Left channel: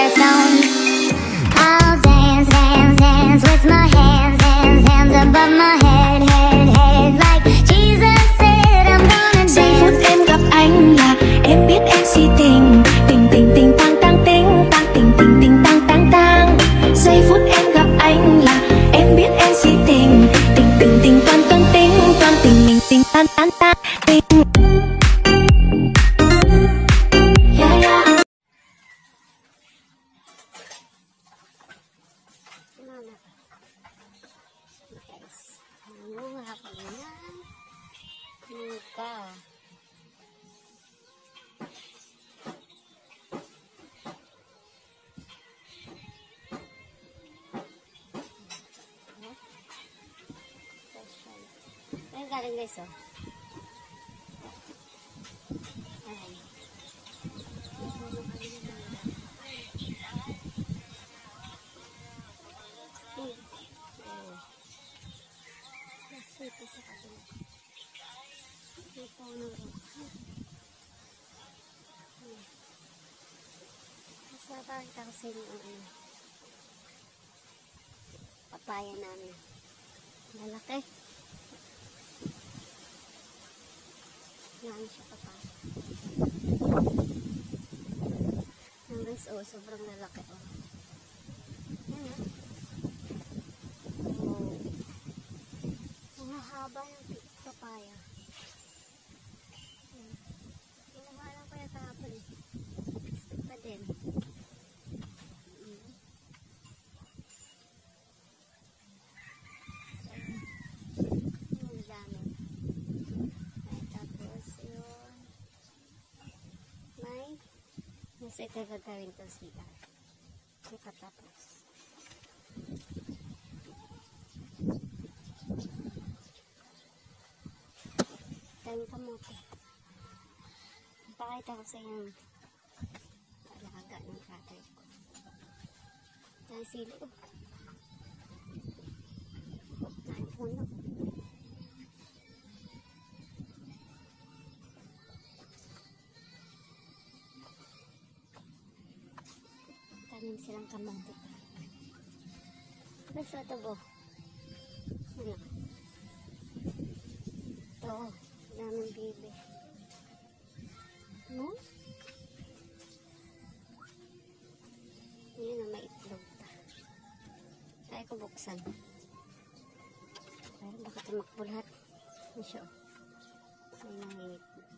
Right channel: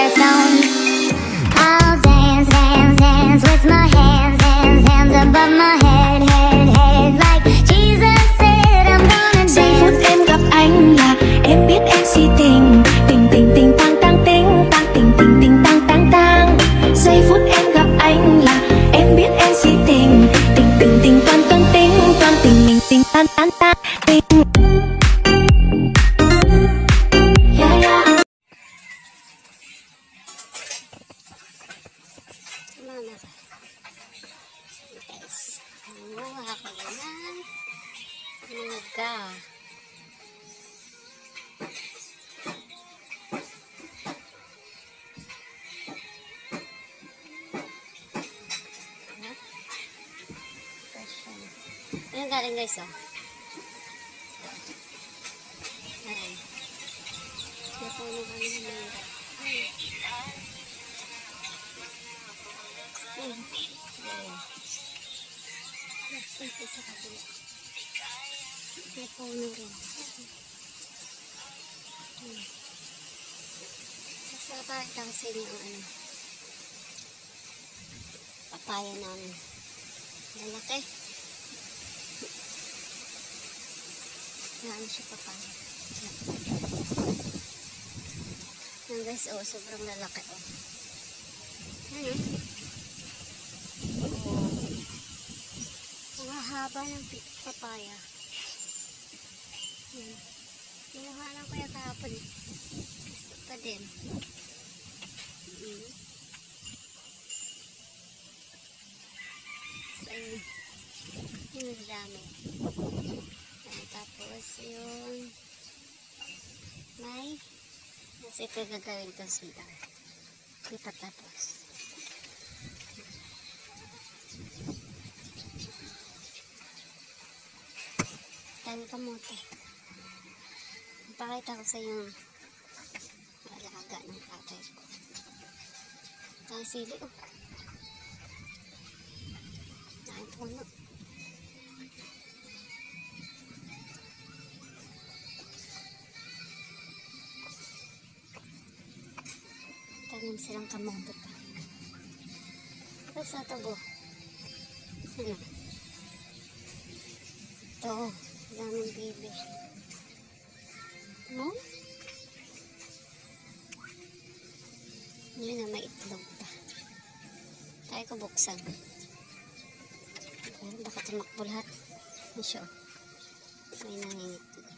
their stones. I'll dance, dance, dance with my hands, hands, hands above my head, head, head. Like Jesus said, I'm gonna dance. Giây phút em gặp anh là em biết em si tình. Tình tình tình tang tang tình tang tình tình tình tang tang tang. Giây phút em gặp anh là em biết em si tình. Tình tình tình toan toan tình toan tình mình tình tan tan tan tình. Ayan galing guys, oh. Ayan. Puno kami na ayan. Mas dito sa kabila. May puno rin. Masaba itang sili ang ano. Papaya namin. Lalaki. Yan siya papaya. Yan guys, oh, sobrang lalaki, oh. Yan, oh. Ang haba ng papaya. Yan. Nilahanan ko yung kahapon. Gusto pa din. Kasi kagagawin ito sila. Hindi pa tapos. Dami kamote. Pakita ko sa inyo alaga ng tatay ko. Sili, oh. Ay, puno. Silang kamote. Ito sa tabo. Ano? Ito. Daming bibi. No? Yun na, may itlog pa. Tayo ko buksan. Baka tumakbo lahat. Ano siya? May nangingitlog.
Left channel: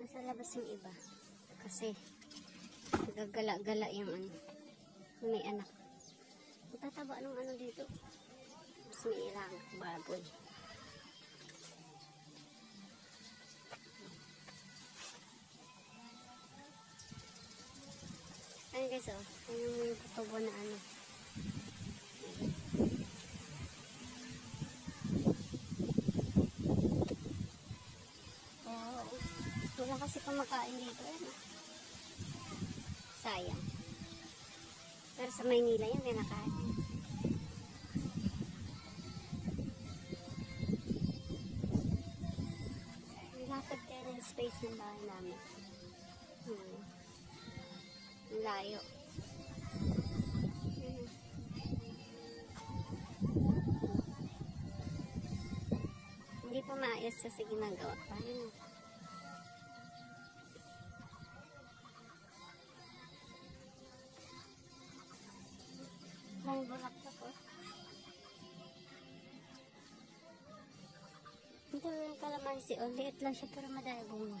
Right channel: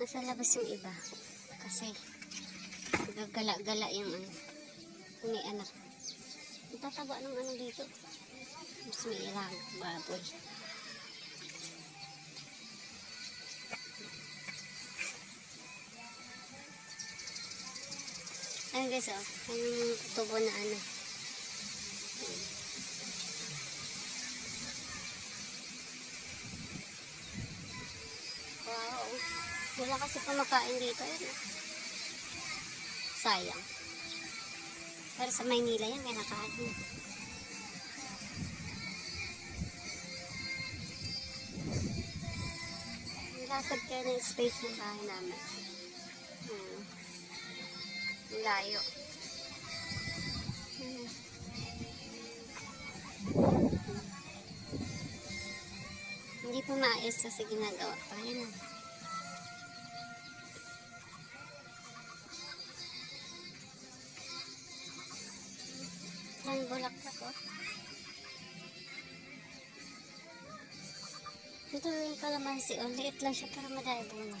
Nasa labas yung iba kasi gagala-gala yung ano, may anak. Ang tataba ng ano dito, mas may ilang baboy. Ayun guys, oh, yung tubo na ano. Wala kasi kumakain dito. Sayang. Pero sa Maynila yan, may nakain. Lakad kayo na yung space ng bahay namin. Layo. Hindi po maayos kasi ginagawa pa. Yun na. Ang bulaklak, oh. Ito yung kalamansi, oh. Liit lang siya pero madami bunga.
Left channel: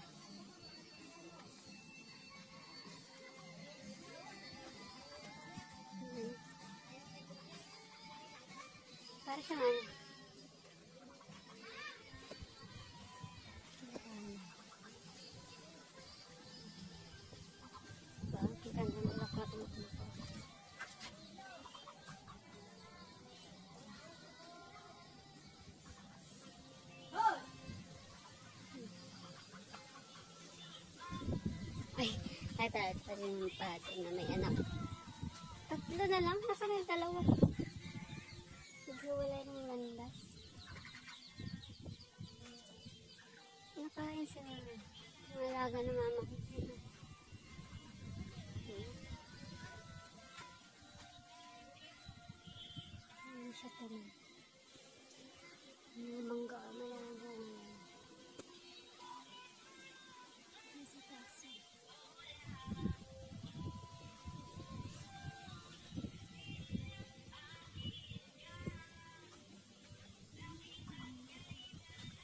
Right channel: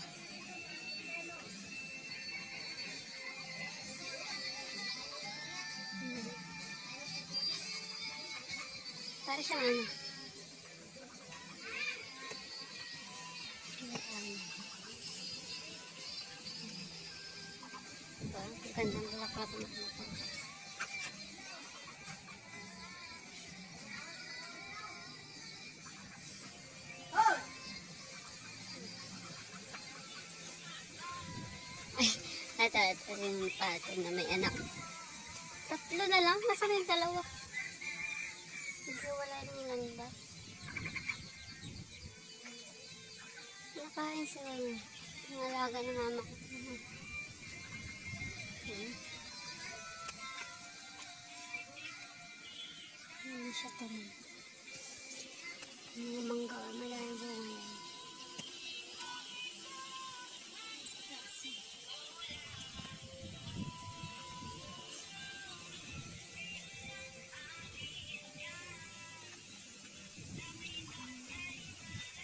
Para siyang ano. Diba? Ang gandang bulaklak na ito. Ito rin yung pato na may anak. Tatlo na lang. Nasaan yung dalawa? Wala sila yun. Yung alaga ng mama ko. Hindi siya tuloy. Mga mangga, malayo ngayon. Nasa taas.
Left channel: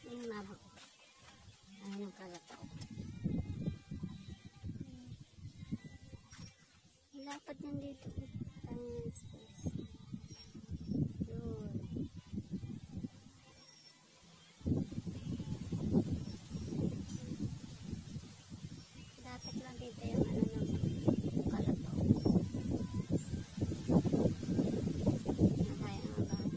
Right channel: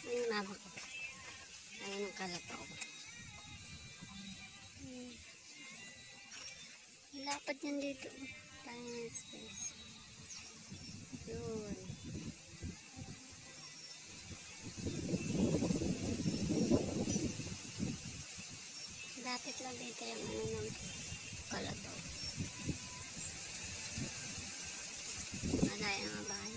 Ayun mama ko. Ayun ang kalataw. Lapad yan dito. Tayo ng space. Yun. Lapit lang dito yung ano ng kalataw. Malaya nga bahay.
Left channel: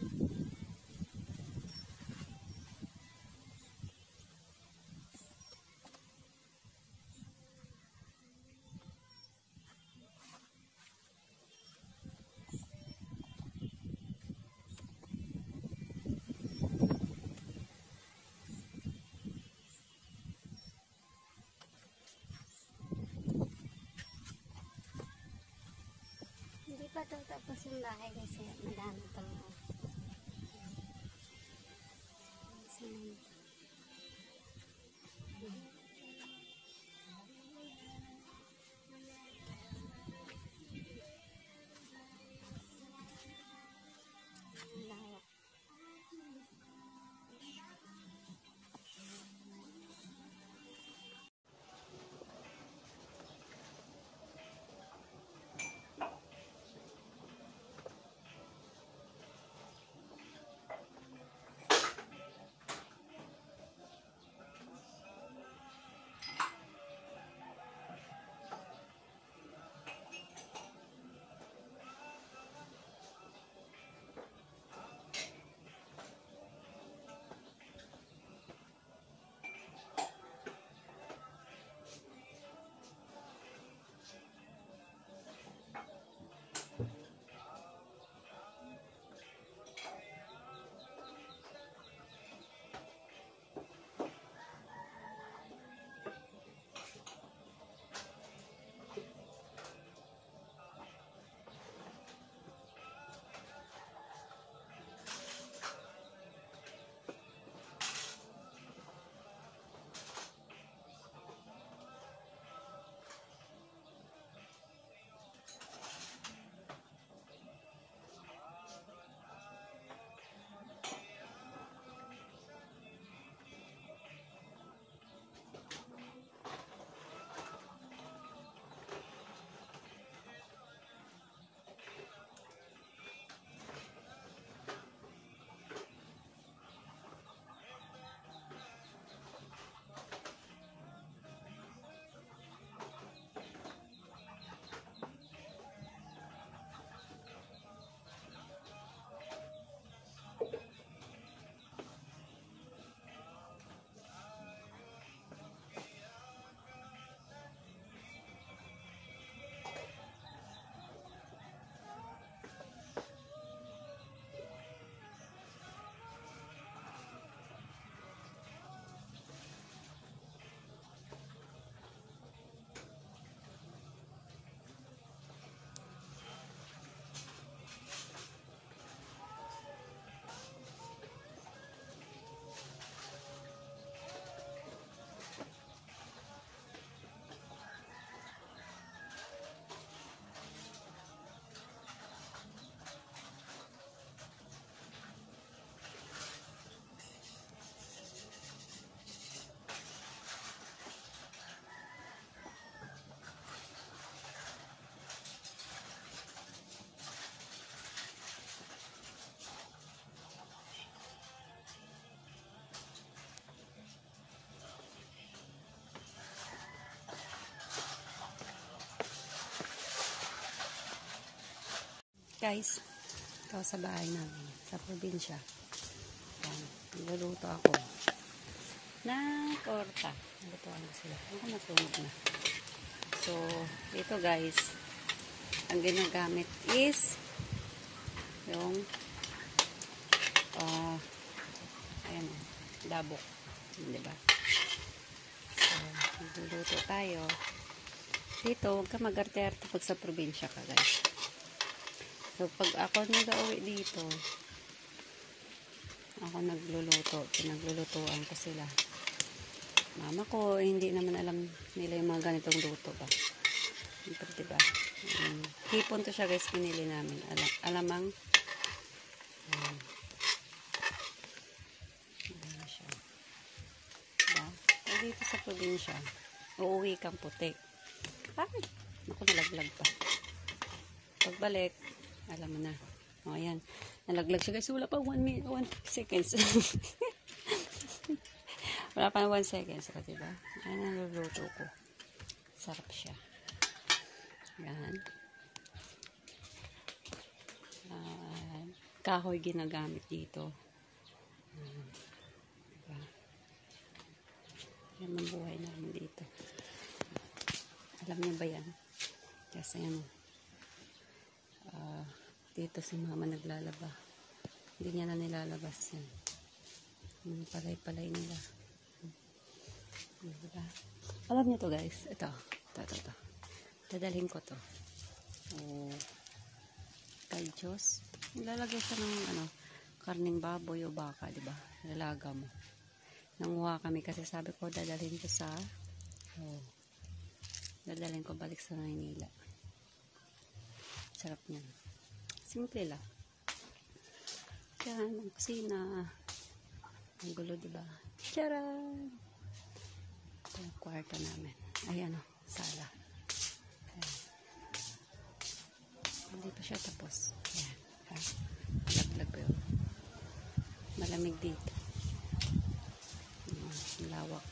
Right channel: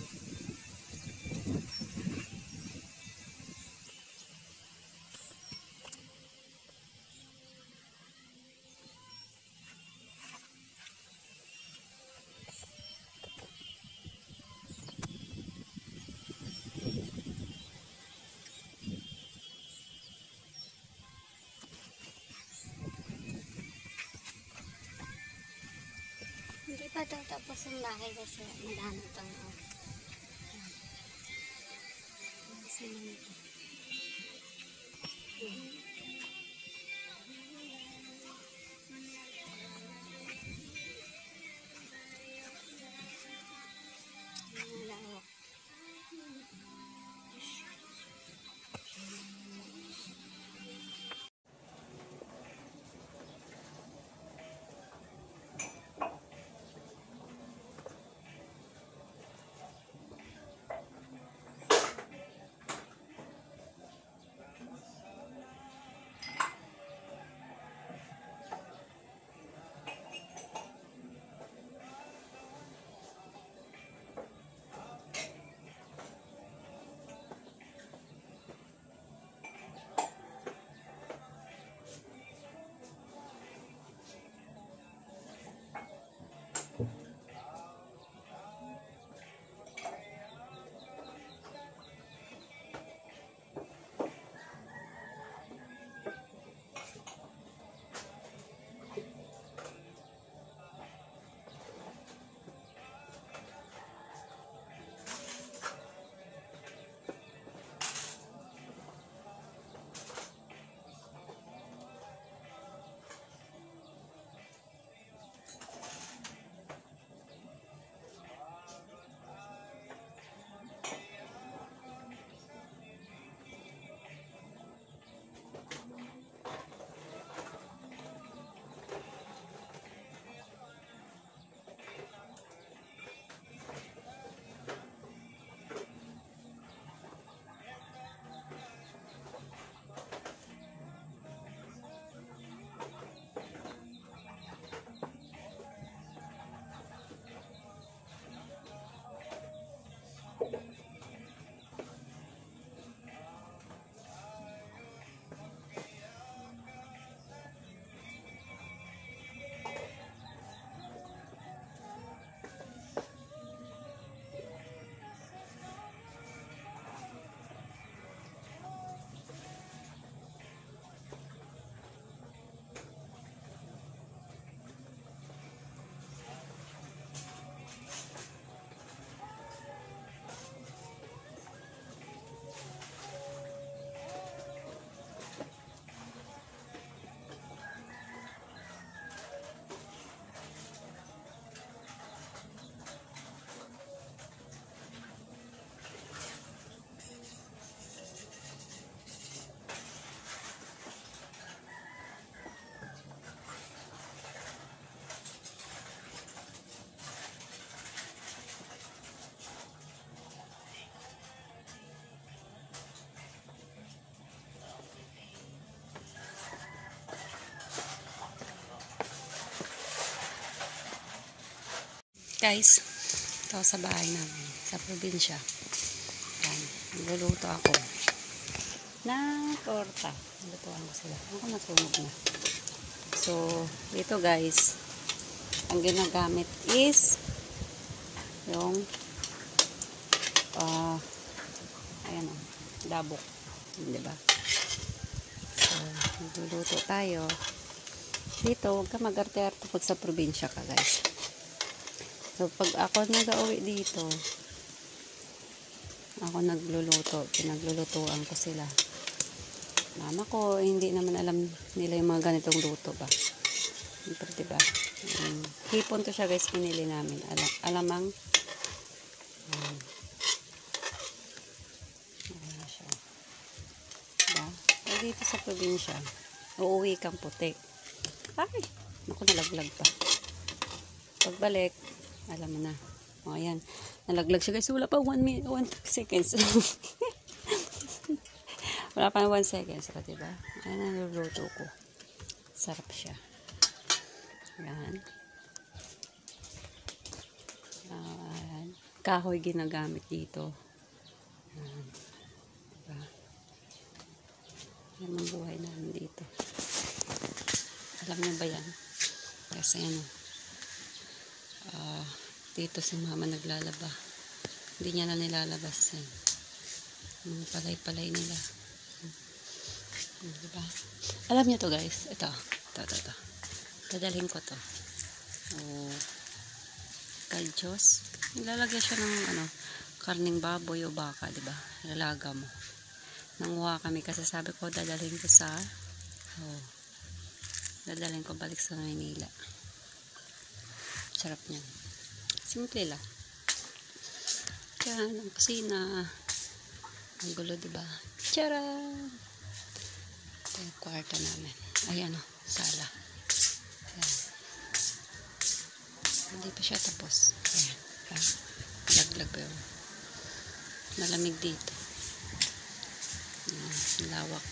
Hindi pa ito tapos ang bahay kasi madami pang Guys, ito sa bahay namin, sa probinsya. Nagluluto ako na torta. Nalutuan ko sila. Ako natulog na. So, dito guys, ang ginagamit is yung ayan o, labok. Diba? Magluluto tayo. Dito, huwag ka mag-arte-arte pag sa probinsya ka, guys. So, pag ako nag-uwi dito, ako nagluluto. Pinaglulutuan ko sila. Mama ko, hindi naman alam nila yung mga ganitong luto ba. Siyempre, diba? Hipon to siya, guys, pinili namin. Alamang. Ayan siya. Diba? So, dito sa probinsya, uuwi kang puti. Ay! Naku, nalaglag pa. Pagbalik, alam mo na. O, ayan. Nalaglag siya, guys. Wala pa 1 seconds. Wala pa 1 seconds. Diba? Ayan ang naluluto ko. Sarap siya. Ayan. Kahoy ginagamit dito. Ayan. Diba? Yan ang buhay namin dito. Alam niyo ba yan? Kasi ano, dito si mama naglalaba. Hindi niya na nilalabas yan. Yung palay-palay nila. Diba? Alam niyo to, guys. Ito. Dadalhin ko to. Kaljos. Nilalagay siya ng karning baboy o baka, diba? Ilalaga mo. Nanguha kami kasi sabi ko dadalhin ko sa dadalhin ko balik sa Maynila. Sarap niyan. Simple lang. Yan, ang kusina. Ang gulo, diba? Tcharam! Ito yung kwarto namin. Ayan o, sala. Ayan. Hindi pa siya tapos. Ayan. Laglag pa yun. Malamig dito. Ayan, lawak.